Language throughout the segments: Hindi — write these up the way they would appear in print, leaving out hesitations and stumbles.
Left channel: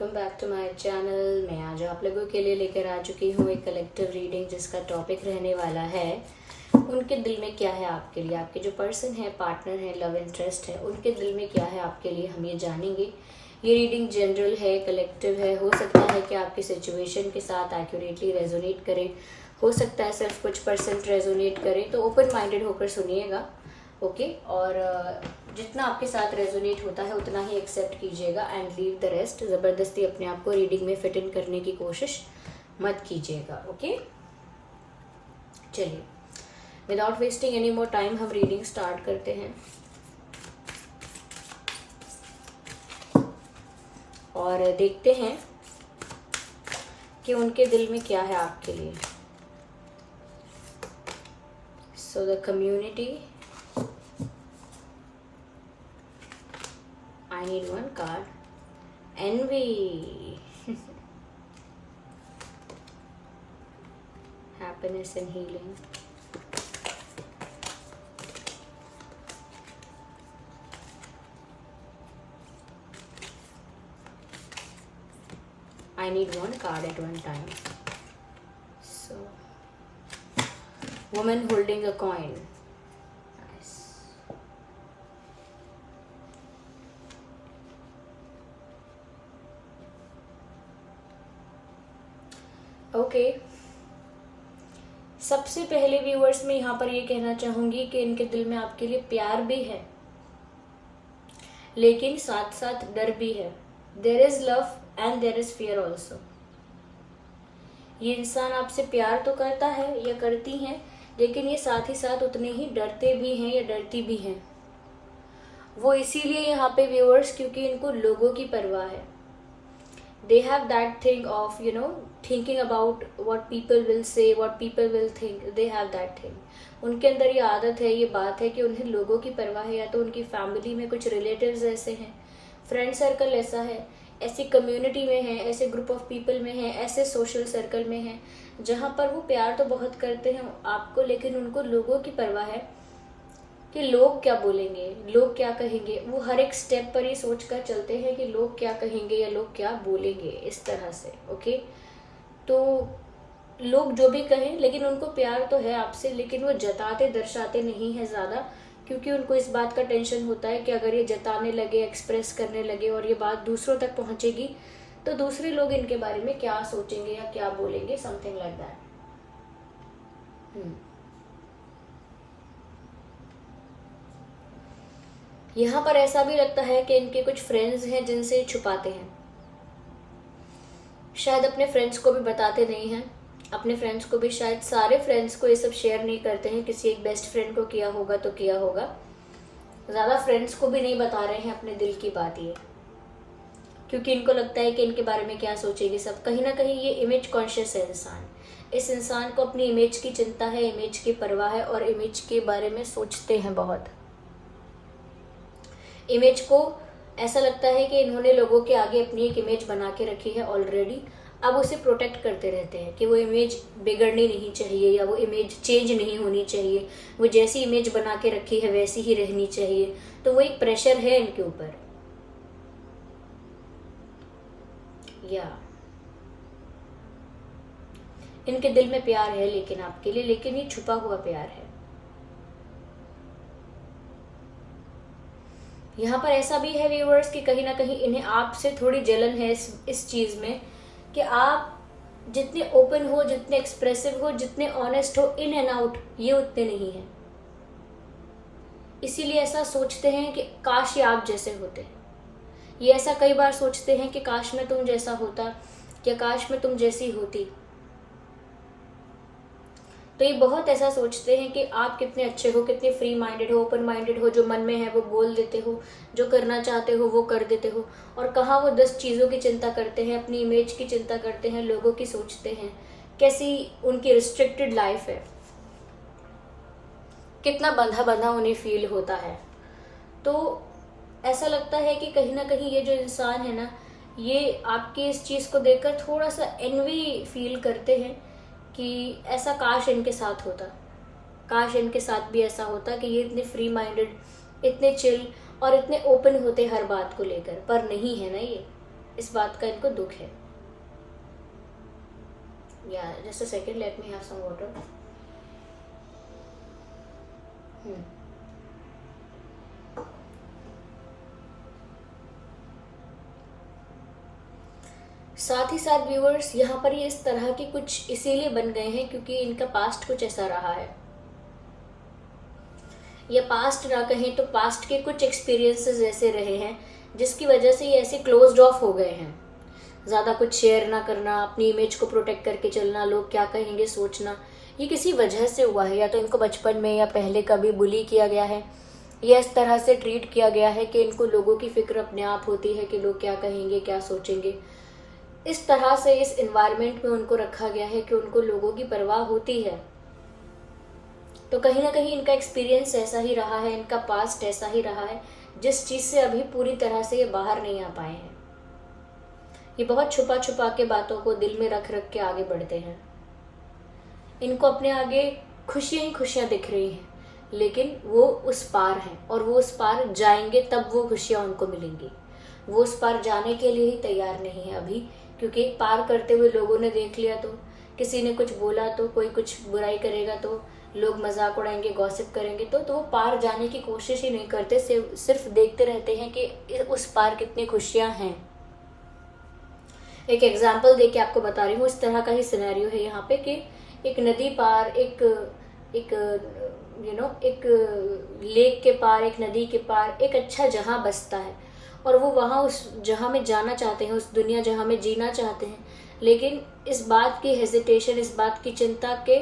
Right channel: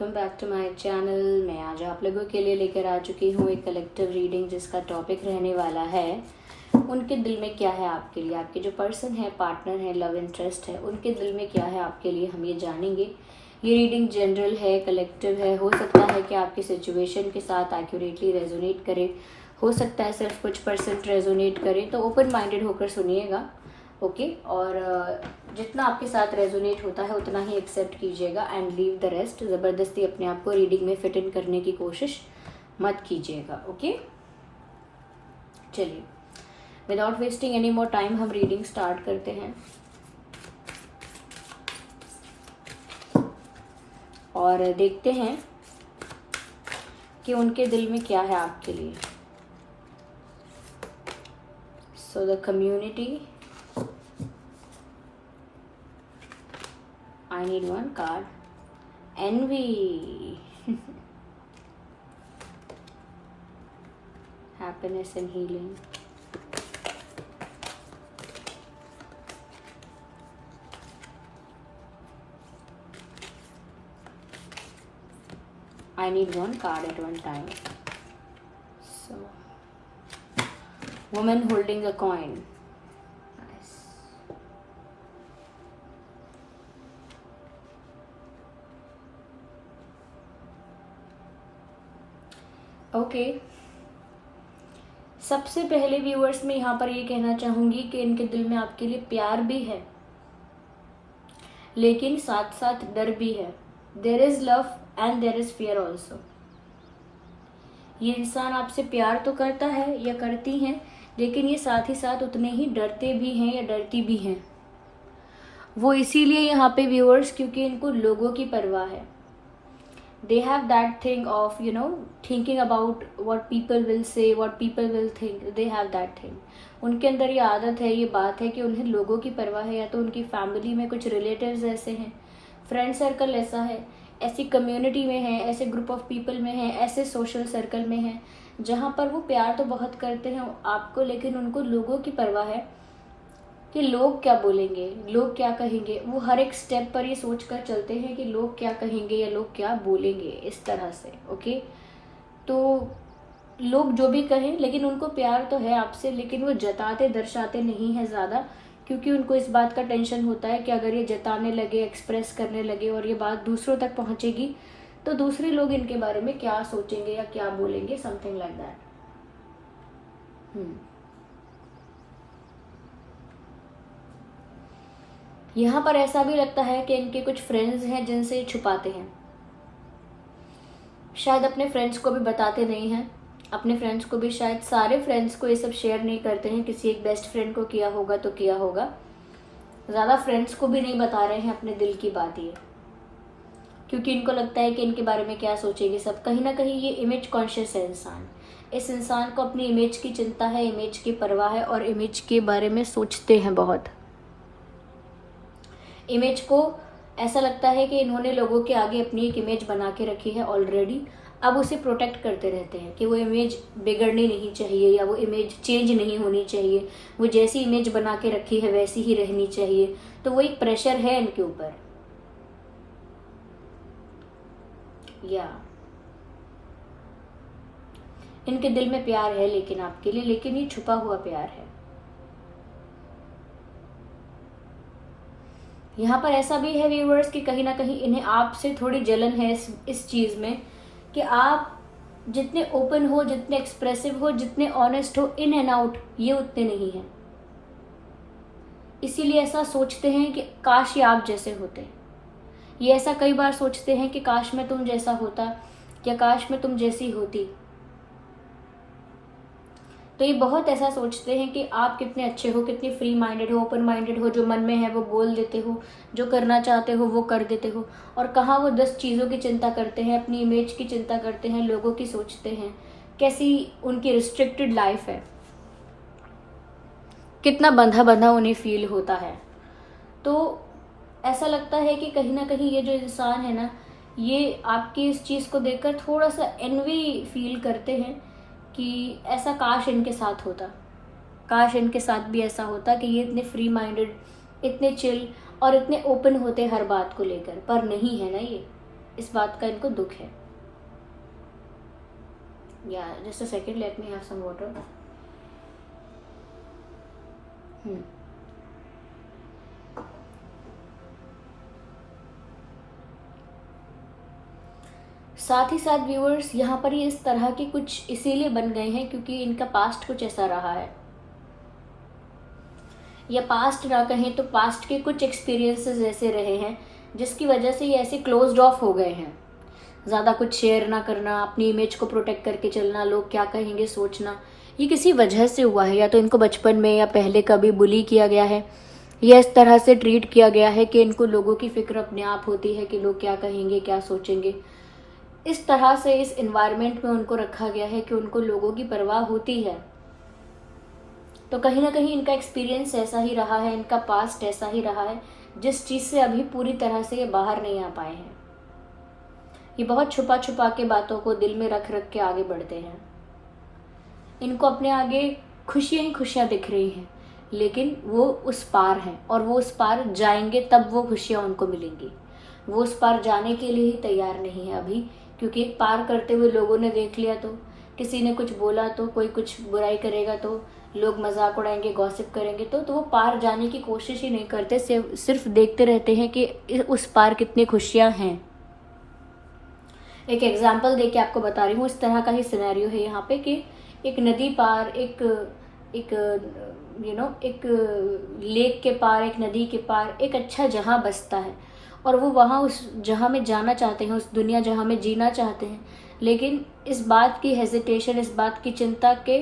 Welcome back to my channel. मैं आज आप लोगों के लिए लेकर आ चुकी हूँ एक कलेक्टिव रीडिंग जिसका टॉपिक रहने वाला है उनके दिल में क्या है आपके लिए। आपके जो पर्सन है, पार्टनर है, लव इंटरेस्ट है, उनके दिल में क्या है आपके लिए, हम ये जानेंगे। ये रीडिंग जनरल है, कलेक्टिव है। हो सकता है कि आपकी सिचुएशन के साथ एक्यूरेटली रेजोनेट करे, हो सकता है सिर्फ कुछ % रेजोनेट करे। तो ओपन माइंडेड होकर सुनिएगा, ओके। और जितना आपके साथ रेजोनेट होता है उतना ही एक्सेप्ट कीजिएगा एंड लीव द रेस्ट। ज़बरदस्ती अपने आप को रीडिंग में फिट इन करने की कोशिश मत कीजिएगा, ओके। चलिए, without wasting any more time हम रीडिंग स्टार्ट करते हैं और देखते हैं कि उनके दिल में क्या है आपके लिए। So the community, I need one card. Envy. Happiness and healing. I need one card at one time. So, woman holding a coin. Nice. Okay, सबसे पहले व्यूअर्स में यहाँ पर ये कहना चाहूंगी कि इनके दिल में आपके लिए प्यार भी है, लेकिन साथ साथ डर भी है। There is love and there is fear also. ये इंसान आपसे प्यार तो करता है या करती हैं, लेकिन ये साथ ही साथ उतने ही डरते भी हैं या डरती भी हैं। वो इसीलिए यहाँ पे व्यूअर्स, क्योंकि इनको लोगों की परवाह है। They have that thing of, thinking about what people will say, what people will think. They have that thing. उनके अंदर ये आदत है, ये बात है कि उन्हें लोगों की परवाह है। या तो उनकी फैमिली में कुछ रिलेटिव्स ऐसे हैं, फ्रेंड सर्कल ऐसा है, ऐसी कम्युनिटी में है, ऐसे ग्रुप ऑफ पीपल में है, ऐसे सोशल सर्कल में है जहाँ पर वो प्यार तो बहुत करते हैं आपको, लेकिन उनको लोगों की परवाह है कि लोग क्या बोलेंगे, लोग क्या कहेंगे। वो हर एक स्टेप पर ये सोच कर चलते हैं कि लोग क्या कहेंगे या लोग क्या बोलेंगे, इस तरह से, ओके। तो लोग जो भी कहें, लेकिन उनको प्यार तो है आपसे, लेकिन वो जताते दर्शाते नहीं है ज़्यादा, क्योंकि उनको इस बात का टेंशन होता है कि अगर ये जताने लगे, एक्सप्रेस करने लगे और ये बात दूसरों तक पहुँचेगी तो दूसरे लोग इनके बारे में क्या सोचेंगे या क्या बोलेंगे, समथिंग लाइक दैट। यहाँ पर ऐसा भी लगता है कि इनके कुछ फ्रेंड्स हैं जिनसे छुपाते हैं। शायद अपने फ्रेंड्स को भी बताते नहीं हैं, अपने फ्रेंड्स को भी, शायद सारे फ्रेंड्स को ये सब शेयर नहीं करते हैं। किसी एक बेस्ट फ्रेंड को किया होगा तो किया होगा, ज़्यादा फ्रेंड्स को भी नहीं बता रहे हैं अपने दिल की बात ये, क्योंकि इनको लगता है कि इनके बारे में क्या सोचेगी सब। कहीं ना कहीं ये इमेज कॉन्शियस है इंसान। इस इंसान को अपनी इमेज की चिंता है, इमेज की परवाह है और इमेज के बारे में सोचते हैं बहुत। इमेज को ऐसा लगता है कि इन्होंने लोगों के आगे अपनी एक इमेज बना के रखी है ऑलरेडी, अब उसे प्रोटेक्ट करते रहते हैं कि वो इमेज बिगड़नी नहीं चाहिए या वो इमेज चेंज नहीं होनी चाहिए, वो जैसी इमेज बना के रखी है वैसी ही रहनी चाहिए। तो वो एक प्रेशर है इनके ऊपर। या इनके दिल में प्यार है लेकिन आपके लिए, लेकिन ये छुपा हुआ प्यार है। यहाँ पर ऐसा भी है व्यूअर्स कि कहीं ना कहीं इन्हें आपसे थोड़ी जलन है इस चीज़ में कि आप जितने ओपन हो, जितने एक्सप्रेसिव हो, जितने ऑनेस्ट हो इन एंड आउट, ये उतने नहीं हैं। इसीलिए ऐसा सोचते हैं कि काश ये आप जैसे होते। ये ऐसा कई बार सोचते हैं कि काश मैं तुम जैसा होता या काश मैं तुम जैसी होती। तो ये बहुत ऐसा सोचते हैं कि आप कितने अच्छे हो, कितने फ्री माइंडेड हो, ओपन माइंडेड हो, जो मन में है वो बोल देते हो, जो करना चाहते हो वो कर देते हो। और कहाँ वो 10 चीज़ों की चिंता करते हैं, अपनी इमेज की चिंता करते हैं, लोगों की सोचते हैं, कैसी उनकी रिस्ट्रिक्टेड लाइफ है, कितना बंधा बंधा उन्हें फील होता है। तो ऐसा लगता है कि कहीं ना कहीं ये जो इंसान है ना, ये आपकी इस चीज़ को देखकर थोड़ा सा एनवी फील करते हैं कि ऐसा काश इनके साथ होता, काश इनके साथ भी ऐसा होता कि ये इतने फ्री माइंडेड, इतने चिल और इतने ओपन होते हर बात को लेकर, पर नहीं है ना ये। इस बात का इनको दुख है। या just a second, let me have some water. साथ ही साथ व्यूअर्स, यहाँ पर ये इस तरह की कुछ इसीलिए बन गए हैं क्योंकि इनका पास्ट कुछ ऐसा रहा है, या पास्ट ना कहें तो पास्ट के कुछ एक्सपीरियंसेस ऐसे रहे हैं जिसकी वजह से ये ऐसे क्लोज्ड ऑफ हो गए हैं। ज़्यादा कुछ शेयर ना करना, अपनी इमेज को प्रोटेक्ट करके चलना, लोग क्या कहेंगे सोचना, ये किसी वजह से हुआ है। या तो इनको बचपन में या पहले कभी बुली किया गया है, या इस तरह से ट्रीट किया गया है कि इनको लोगों की फिक्र अपने आप होती है कि लोग क्या कहेंगे, क्या सोचेंगे। इस तरह से इस एनवायरनमेंट में उनको रखा गया है कि उनको लोगों की परवाह होती है। तो कहीं ना कहीं इनका एक्सपीरियंस ऐसा ही रहा है, इनका पास्ट ऐसा ही रहा है, जिस चीज़ से अभी पूरी तरह से ये बाहर नहीं आ पाए हैं। ये बहुत छुपा छुपा के बातों को दिल में रख रख के आगे बढ़ते हैं। इनको अपने आगे खुशियां ही खुशियां दिख रही हैं, लेकिन वो उस पार हैं और वो उस पार जाएंगे तब वो खुशियां उनको मिलेंगी। वो उस पार जाने के लिए ही तैयार नहीं है अभी, क्योंकि पार करते हुए लोगों ने देख लिया तो, किसी ने कुछ बोला तो, कोई कुछ बुराई करेगा तो, लोग मजाक उड़ाएंगे, गॉसिप करेंगे तो वो पार जाने की कोशिश ही नहीं करते, सिर्फ देखते रहते हैं कि उस पार कितनी खुशियां हैं। एक एग्जाम्पल दे के आपको बता रही हूँ, इस तरह का ही सिनेरियो है यहाँ पे कि एक नदी पार, एक एक लेक के पार, एक नदी के पार एक अच्छा जहां बसता है और वो वहाँ उस जहाँ में जाना चाहते हैं, उस दुनिया जहाँ में जीना चाहते हैं, लेकिन इस बात की हेजिटेशन, इस बात की चिंता के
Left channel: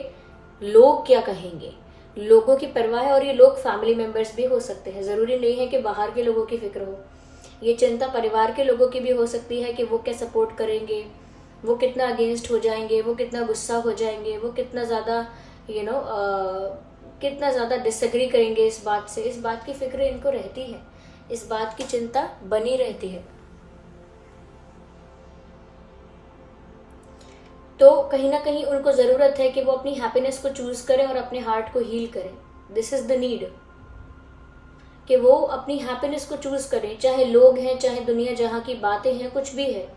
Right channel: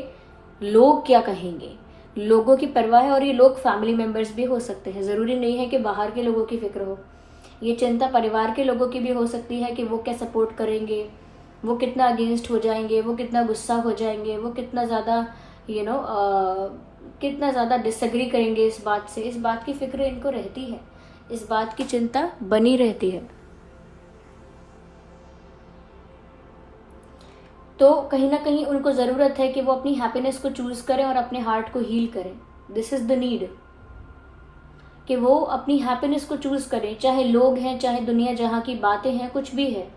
लोग क्या कहेंगे, लोगों की परवाह है। और ये लोग फैमिली मेंबर्स भी हो सकते हैं, ज़रूरी नहीं है कि बाहर के लोगों की फिक्र हो। ये चिंता परिवार के लोगों की भी हो सकती है कि वो क्या सपोर्ट करेंगे, वो कितना अगेंस्ट हो जाएंगे, वो कितना गुस्सा हो जाएंगे, वो कितना ज़्यादा कितना ज़्यादा डिसएग्री करेंगे इस बात से। इस बात की फिक्र इनको रहती है, इस बात की चिंता बनी रहती है। तो कहीं ना कहीं उनको ज़रूरत है कि वो अपनी हैप्पीनेस को चूज करें और अपने हार्ट को हील करें। दिस इज द नीड कि वो अपनी हैप्पीनेस को चूज करें, चाहे लोग हैं, चाहे दुनिया जहाँ की बातें हैं, कुछ भी है,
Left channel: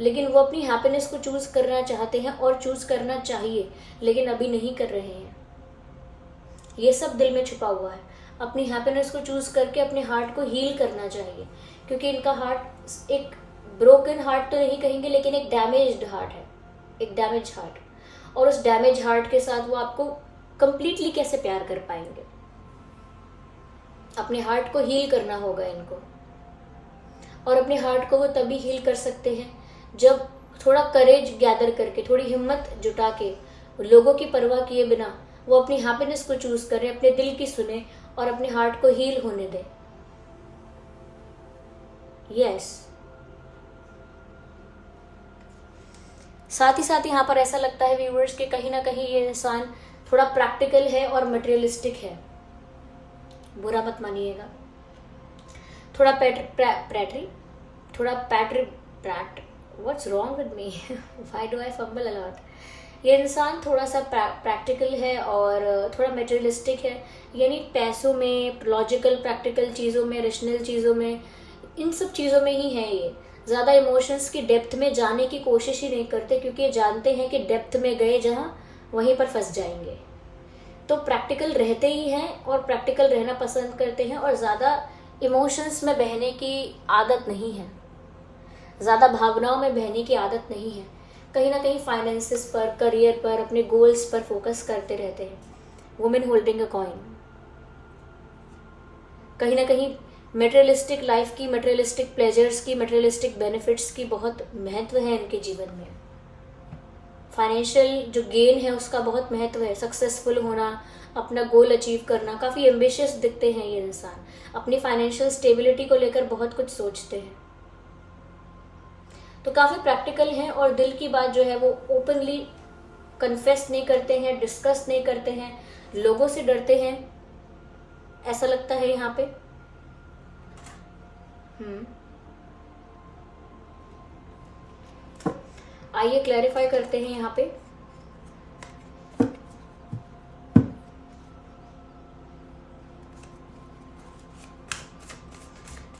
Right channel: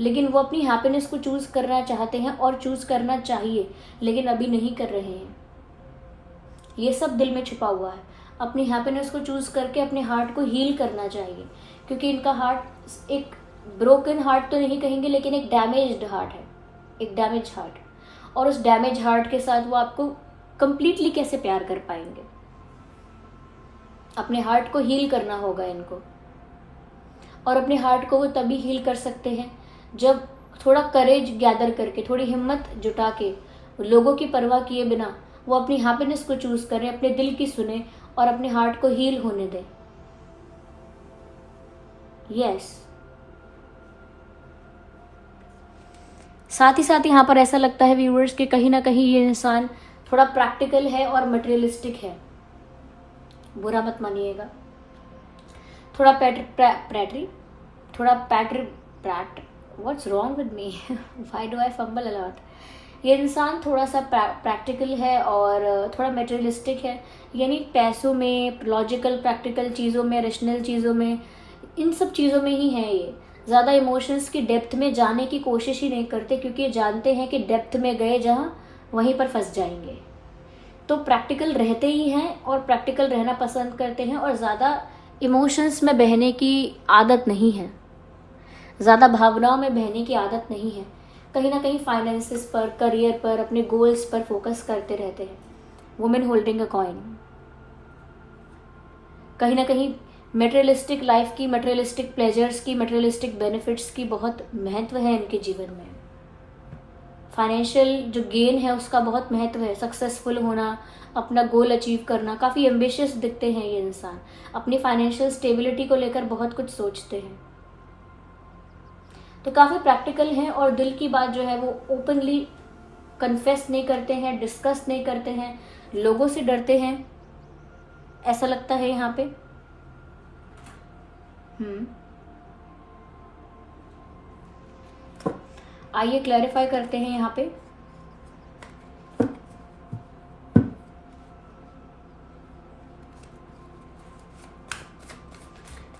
लेकिन वो अपनी हैप्पीनेस को चूज करना चाहते हैं और चूज करना चाहिए, लेकिन अभी नहीं कर रहे हैं। ये सब दिल में छुपा हुआ है। अपनी हैप्पीनेस को चूज करके अपने हार्ट को हील करना चाहिए, क्योंकि इनका हार्ट एक ब्रोकन हार्ट तो नहीं कहेंगे, लेकिन एक डैमेज्ड हार्ट है, एक डैमेज हार्ट। और उस डैमेज हार्ट के साथ वो आपको कंप्लीटली कैसे प्यार कर पाएंगे। अपने हार्ट को हील करना होगा इनको, और अपने हार्ट को वो तभी हील कर सकते हैं जब थोड़ा करेज गैदर करके, थोड़ी हिम्मत जुटा के, लोगों की परवाह किए बिना वो अपनी हैप्पीनेस को चूज करें, अपने दिल की सुने और अपने हार्ट को हील होने दें। यस। साथ ही साथ यहाँ पर ऐसा लगता है व्यूअर्स कि कहीं ना कहीं ये इंसान थोड़ा प्रैक्टिकल है और मटेरियलिस्टिक है, बुरा मत मानिएगा। थोड़ा what's wrong with me, why do I fumble a lot. ये इंसान थोड़ा सा प्रैक्टिकल है और थोड़ा मटेरियलिस्टिक है, यानी पैसों में, लॉजिकल प्रैक्टिकल चीज़ों में, रेशनल चीज़ों में, इन सब चीज़ों में ही है ये। ज़्यादा इमोशंस की डेप्थ में जाने की कोशिश ही नहीं करते, क्योंकि ये जानते हैं कि डेप्थ में गए जहाँ वहीं पर फंस जाएंगे। तो प्रैक्टिकल रहते ही हैं और प्रैक्टिकल रहना पसंद करते हैं, और ज़्यादा इमोशंस में बहने की आदत नहीं है, ज़्यादा भावनाओं में बहने की आदत नहीं है। कहीं ना कहीं फाइनेंसेस पर, करियर पर, अपने गोल्स पर फोकस करते रहते हैं। Women holding a coin. कहीं ना कहीं मटेरियलिस्टिक लाइफ की, मटेरियलिस्टिक प्लेजर्स की, मटेरियलिस्टिक बेनिफिट्स की बहुत महत्व है इनके जीवन में। फाइनेंशियल जो गेन है उसका बहुत महत्व है। सक्सेसफुल होना, अपना गोल अचीव करना, काफ़ी एम्बिशियस दिखते हैं ये इंसान। अपनी फाइनेंशियल स्टेबिलिटी को लेकर बहुत कुछ सोचते हैं, तो काफ़ी प्रैक्टिकल हैं और दिल की बात जो है वो ओपनली कन्फेस नहीं करते हैं, डिस्कस नहीं करते हैं, लोगों से डरते हैं, ऐसा लगता है यहाँ पे। आइए क्लैरिफाई करते हैं यहाँ पे।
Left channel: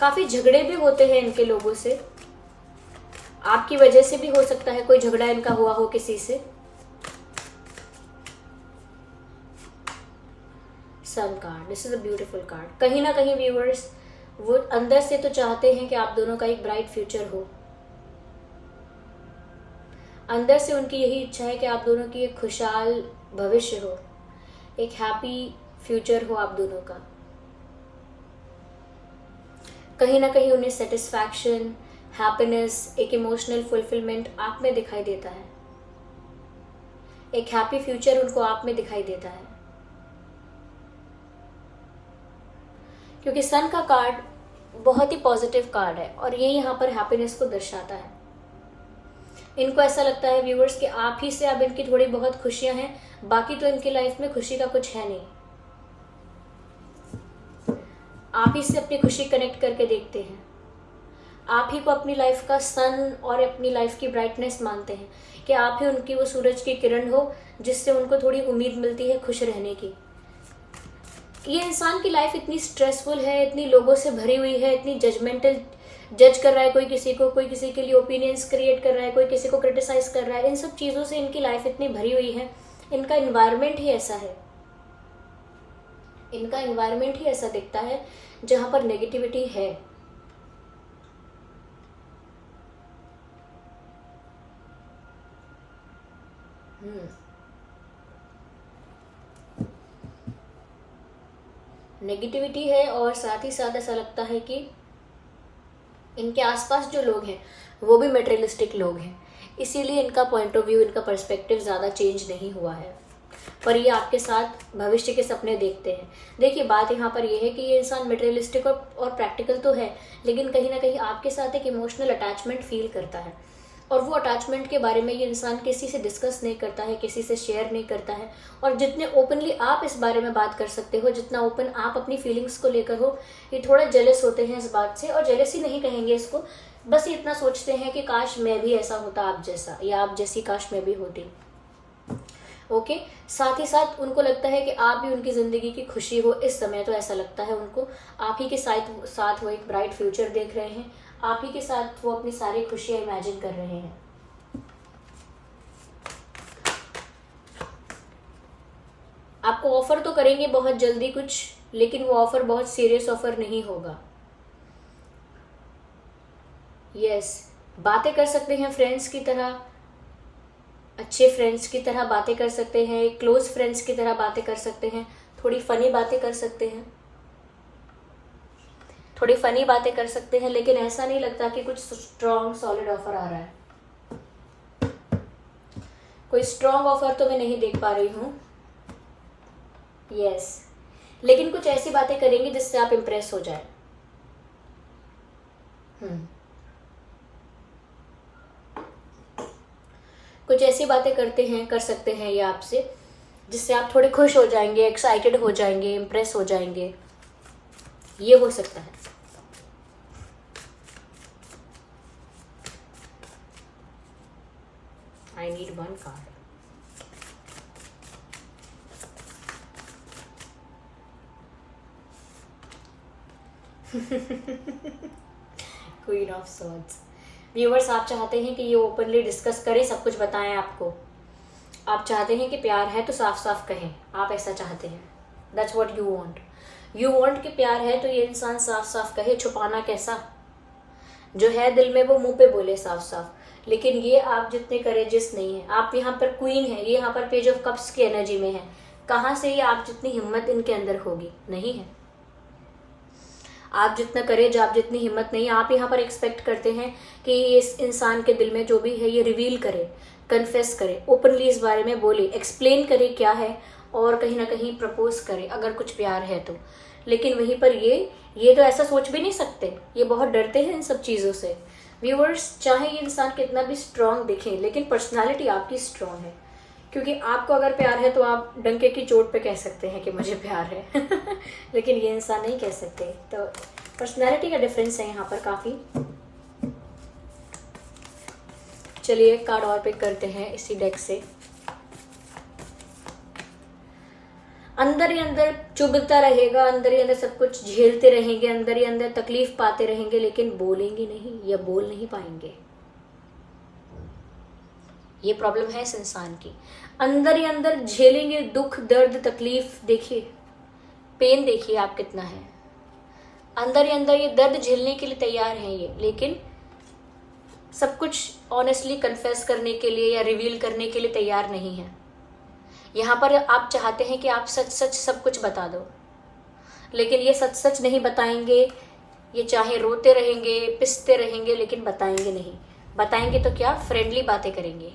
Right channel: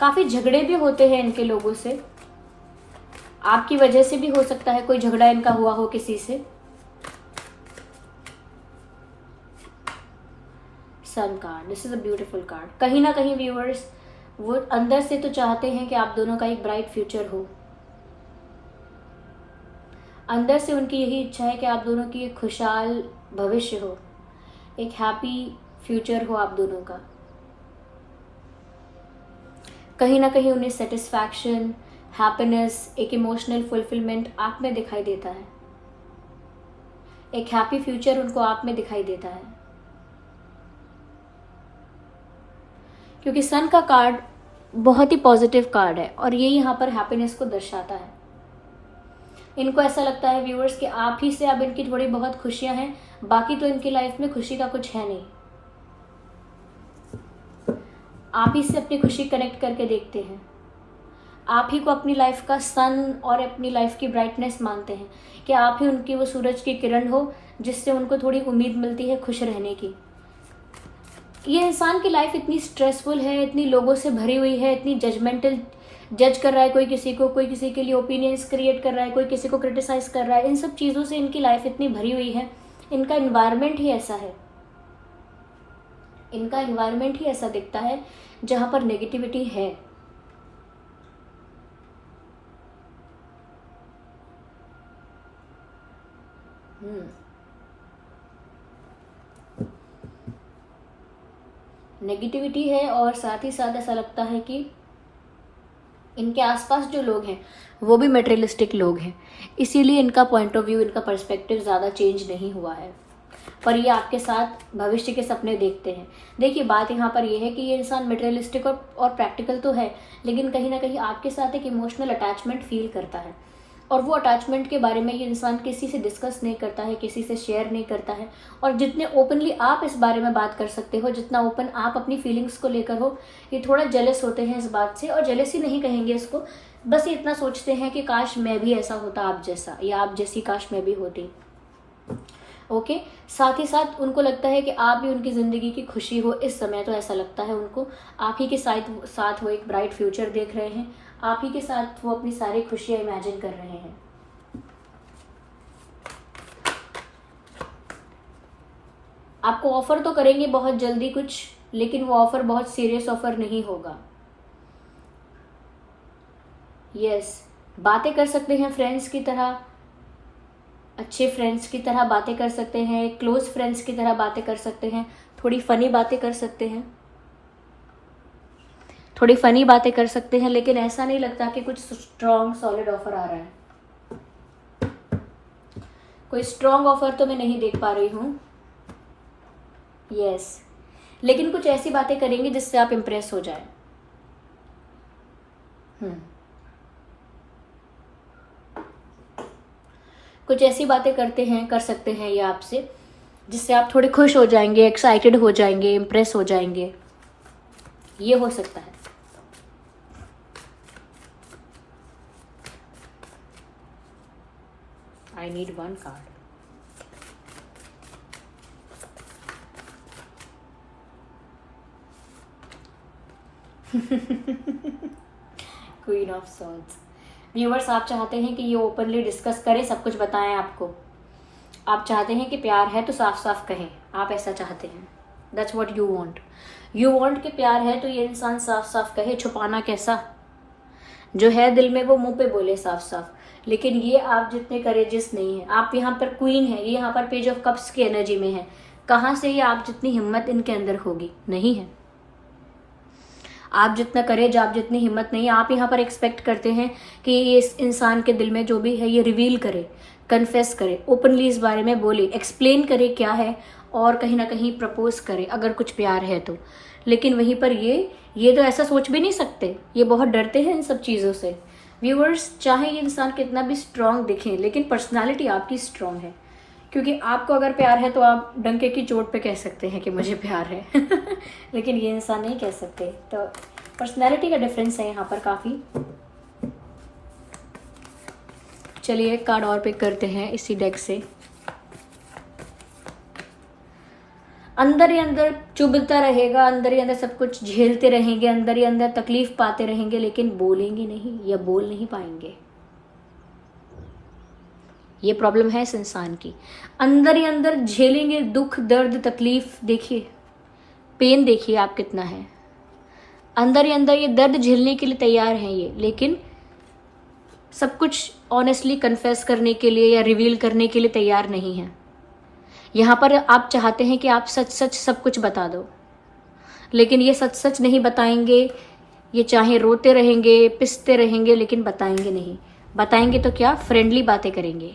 काफी झगड़े भी होते हैं इनके लोगों से, आपकी वजह से भी हो सकता है कोई झगड़ा इनका हुआ हो किसी से। Sun card, this is a beautiful card. कहीं ना कहीं व्यूअर्स वो अंदर से तो चाहते हैं कि आप दोनों का एक ब्राइट फ्यूचर हो। अंदर से उनकी यही इच्छा है कि आप दोनों की एक खुशहाल भविष्य हो, एक हैप्पी फ्यूचर हो आप दोनों का। कहीं ना कहीं उन्हें सेटिस्फैक्शन, हैप्पीनेस, एक इमोशनल फुलफिलमेंट आप में दिखाई देता है। एक हैप्पी फ्यूचर उनको आप में दिखाई देता है, क्योंकि सन का कार्ड बहुत ही पॉजिटिव कार्ड है और ये यहाँ पर हैप्पीनेस को दर्शाता है। इनको ऐसा लगता है व्यूअर्स कि आप ही से अब इनकी थोड़ी बहुत खुशियां हैं, बाकी तो इनकी लाइफ में खुशी का कुछ है नहीं। आप ही से अपनी खुशी कनेक्ट करके देखते हैं, आप ही को अपनी लाइफ का सन और अपनी लाइफ की ब्राइटनेस मानते हैं कि आप ही उनकी वो सूरज की किरण हो जिससे उनको थोड़ी उम्मीद मिलती है खुश रहने की। ये इंसान की लाइफ इतनी स्ट्रेसफुल है, इतनी लोगों से भरी हुई है, इतनी जजमेंटल, जज कर रहा है कोई किसी को, कोई किसी के लिए ओपिनियंस क्रिएट कर रहा है, कोई किसी को क्रिटिसाइज कर रहा है। इन सब चीज़ों से इनकी लाइफ इतनी भरी हुई है, इनका इन्वायरमेंट ही ऐसा है, इनका इन्वायरमेंट ही ऐसा दिखता है जहां पर नेगेटिविटी है। नेगेटिविटी है और साथ ही साथ ऐसा लगता है कि इनके आसपास जो लोग हैं वो भी मटेरियलिस्टिक लोग हैं, इसीलिए इनका पॉइंट ऑफ व्यू, इनका पर्सपेक्टिव ज़्यादा चेंज नहीं हुआ है, पर ये आपके साथ भविष्य के सपने देखते हैं। देखिए बात यहाँ पर ये है कि ये इंसान मटेरियलिस्टिक और प्रैक्टिकल तो है, लेकिन कहीं ना कहीं आपके साथ एक इमोशनल अटैचमेंट फील करता है, और वो अटैचमेंट के बारे में ये इंसान किसी से डिस्कस नहीं करता है, किसी से शेयर नहीं करता है। और जितने ओपनली आप इस बारे में बात कर सकते हो, जितना ओपन आप अपनी फीलिंग्स को लेकर हो, ये थोड़ा जेलस होते हैं इस बात से, और जेलसी नहीं कहेंगे इसको, बस ये इतना सोचते हैं कि काश मैं भी ऐसा होता आप जैसा, या आप जैसी काश मैं भी होती। ओके साथ ही साथ उनको लगता है कि आप भी उनकी ज़िंदगी की खुशी हो इस समय, तो ऐसा लगता है उनको आप ही के साथ वो एक ब्राइट फ्यूचर देख रहे हैं, आप ही के साथ वो अपनी सारी खुशियां इमेजिन कर रहे हैं। आपको ऑफर तो करेंगे बहुत जल्दी कुछ, लेकिन वो ऑफर बहुत सीरियस ऑफर नहीं होगा। यस, बातें कर सकते हैं फ्रेंड्स की तरह, अच्छे फ्रेंड्स की तरह बातें कर सकते हैं, क्लोज फ्रेंड्स की तरह बातें कर सकते हैं, थोड़ी फनी बातें कर सकते हैं, थोड़ी फनी बातें कर सकते हैं, लेकिन ऐसा नहीं लगता कि कुछ स्ट्रॉन्ग सॉलिड ऑफर आ रहा है। कोई स्ट्रॉन्ग ऑफर तो मैं नहीं देख पा रही हूँ। यस, लेकिन कुछ ऐसी बातें करेंगे जिससे आप इम्प्रेस हो जाए। कुछ ऐसी बातें कर सकते हैं ये आपसे जिससे आप थोड़े खुश हो जाएंगे, एक्साइटेड हो जाएंगे, इम्प्रेस हो जाएंगे, ये हो सकता है। I need one card. Queen of Swords. Viewers, आप चाहते हैं कि ये ओपनली डिस्कस करें, सब कुछ बताएं आपको। आप चाहते हैं कि प्यार है तो साफ साफ कहें, आप ऐसा चाहते हैं। That's what you want. You want कि प्यार है तो ये इंसान साफ साफ कहे, छुपाना कैसा, जो है दिल में वो मुंह पे बोले साफ साफ। लेकिन ये आप जितने करेजियस नहीं है, आप यहाँ पर क्वीन है, ये यहाँ पर पेज ऑफ कप्स की एनर्जी में है, कहाँ से ये आप जितनी हिम्मत इनके अंदर होगी, नहीं है। आप जितना करेज, आप जितनी हिम्मत नहीं, आप यहाँ पर एक्सपेक्ट करते हैं कि इस इंसान के दिल में जो भी है ये रिवील करे, कन्फेस करे, ओपनली इस बारे में बोले, एक्सप्लेन करे क्या है, और कहीं ना कहीं प्रपोज करे अगर कुछ प्यार है तो। लेकिन वहीं पर ये तो ऐसा सोच भी नहीं सकते, ये बहुत डरते हैं इन सब चीज़ों से। व्यूअर्स, चाहे ये इंसान कितना भी स्ट्रांग दिखे, लेकिन पर्सनालिटी आपकी स्ट्रांग है, क्योंकि आपको अगर प्यार है तो आप डंके की चोट पे कह सकते हैं कि मुझे प्यार है लेकिन ये इंसान नहीं कह सकते। तो पर्सनालिटी का डिफरेंस है यहाँ पर काफ़ी। चलिए एक कार्ड और पिक करते हैं इसी डेक से। अंदर ही अंदर चुभता रहेगा, अंदर ही अंदर सब कुछ झेलते रहेंगे, अंदर ही अंदर तकलीफ पाते रहेंगे, लेकिन बोलेंगे नहीं या बोल नहीं पाएंगे। ये प्रॉब्लम है इस इंसान की। अंदर ही अंदर झेलेंगे दुख, दर्द, तकलीफ। देखिए पेन, देखिए आप कितना है। अंदर ही अंदर ये दर्द झेलने के लिए तैयार है ये, लेकिन सब कुछ ऑनेस्टली कन्फेस करने के लिए या रिवील करने के लिए तैयार नहीं है। यहाँ पर आप चाहते हैं कि आप सच सच सब कुछ बता दो, लेकिन ये सच सच नहीं बताएंगे। ये चाहे रोते रहेंगे, पिसते रहेंगे, लेकिन बताएंगे नहीं। बताएंगे तो क्या, फ्रेंडली बातें करेंगे,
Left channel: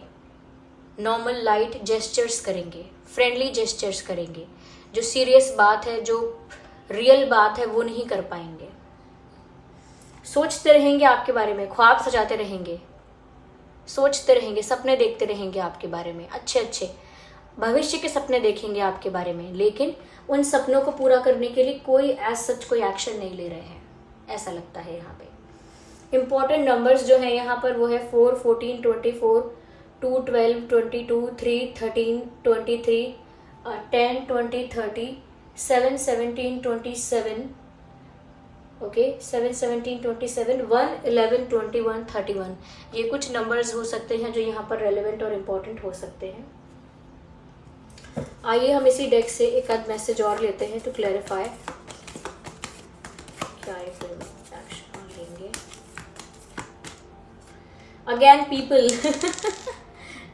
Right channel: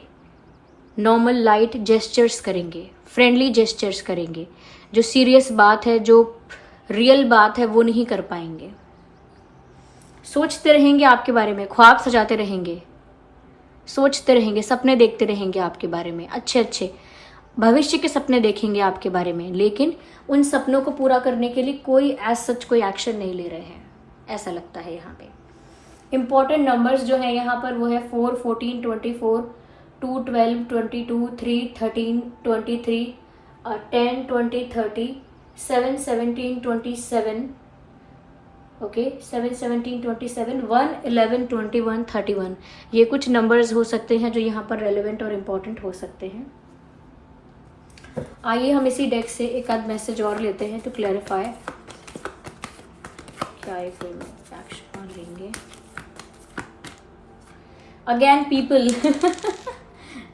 नॉर्मल लाइट जेस्चर्स करेंगे, फ्रेंडली जेस्चर्स करेंगे। जो सीरियस बात है, जो रियल बात है, वो नहीं कर पाएंगे। सोचते रहेंगे आपके बारे में, ख्वाब सजाते रहेंगे, सोचते रहेंगे, सपने देखते रहेंगे आपके बारे में, अच्छे अच्छे भविष्य के सपने देखेंगे आपके बारे में, लेकिन उन सपनों को पूरा करने के लिए कोई एज सच कोई एक्शन नहीं ले रहे हैं, ऐसा लगता है। यहाँ पे इंपॉर्टेंट नंबर्स जो है यहाँ पर वो है 4, 14, 24, 2, 12, 22, 3, 13, 23, 10, 20, 30, 7, 17, 27, ओके 7, 17, 27, 1, 11, 21, 31। ये कुछ नंबर्स हो सकते हैं जो यहाँ पर रेलेवेंट और इम्पोर्टेंट हो सकते हैं। आइए हम इसी डेक से एक आध मैसेज और लेते हैं तो क्लैरिफाई क्या है। फिर एक्शन लेंगे। Again people,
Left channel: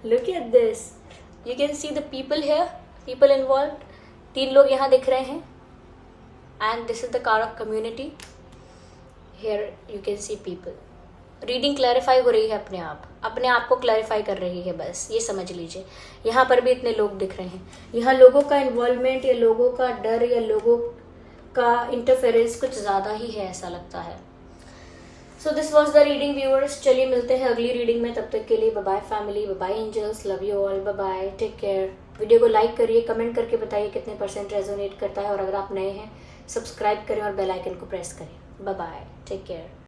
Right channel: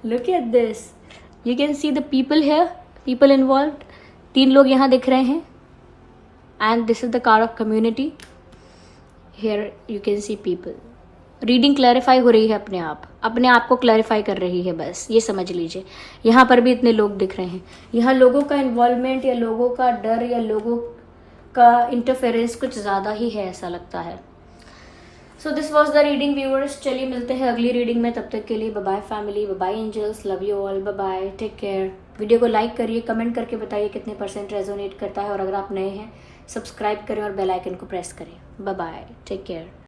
look at this, you can see the people here, people involved. 3 लोग यहाँ दिख रहे हैं and this is the card of community. Here you can see people. Reading clarify हो रही है अपने आप को क्लैरिफाई कर रही है, बस ये समझ लीजिए। यहाँ पर भी इतने लोग दिख रहे हैं। यहाँ लोगों का इन्वॉल्वमेंट या लोगों का डर या लोगों का इंटरफेरेंस कुछ ज़्यादा ही है, ऐसा लगता है। So this was the reading viewers. चलिए मिलते हैं अगली रीडिंग में, तब तक के लिए bye bye family, bye bye angels, love you all, bye bye, take care. Video को लाइक करिए, कमेंट करके बताइए कितने % रेजोनेट करता है, और अगर आप नए हैं सब्सक्राइब करें और बेल आइकन को प्रेस करें। Bye bye, take care.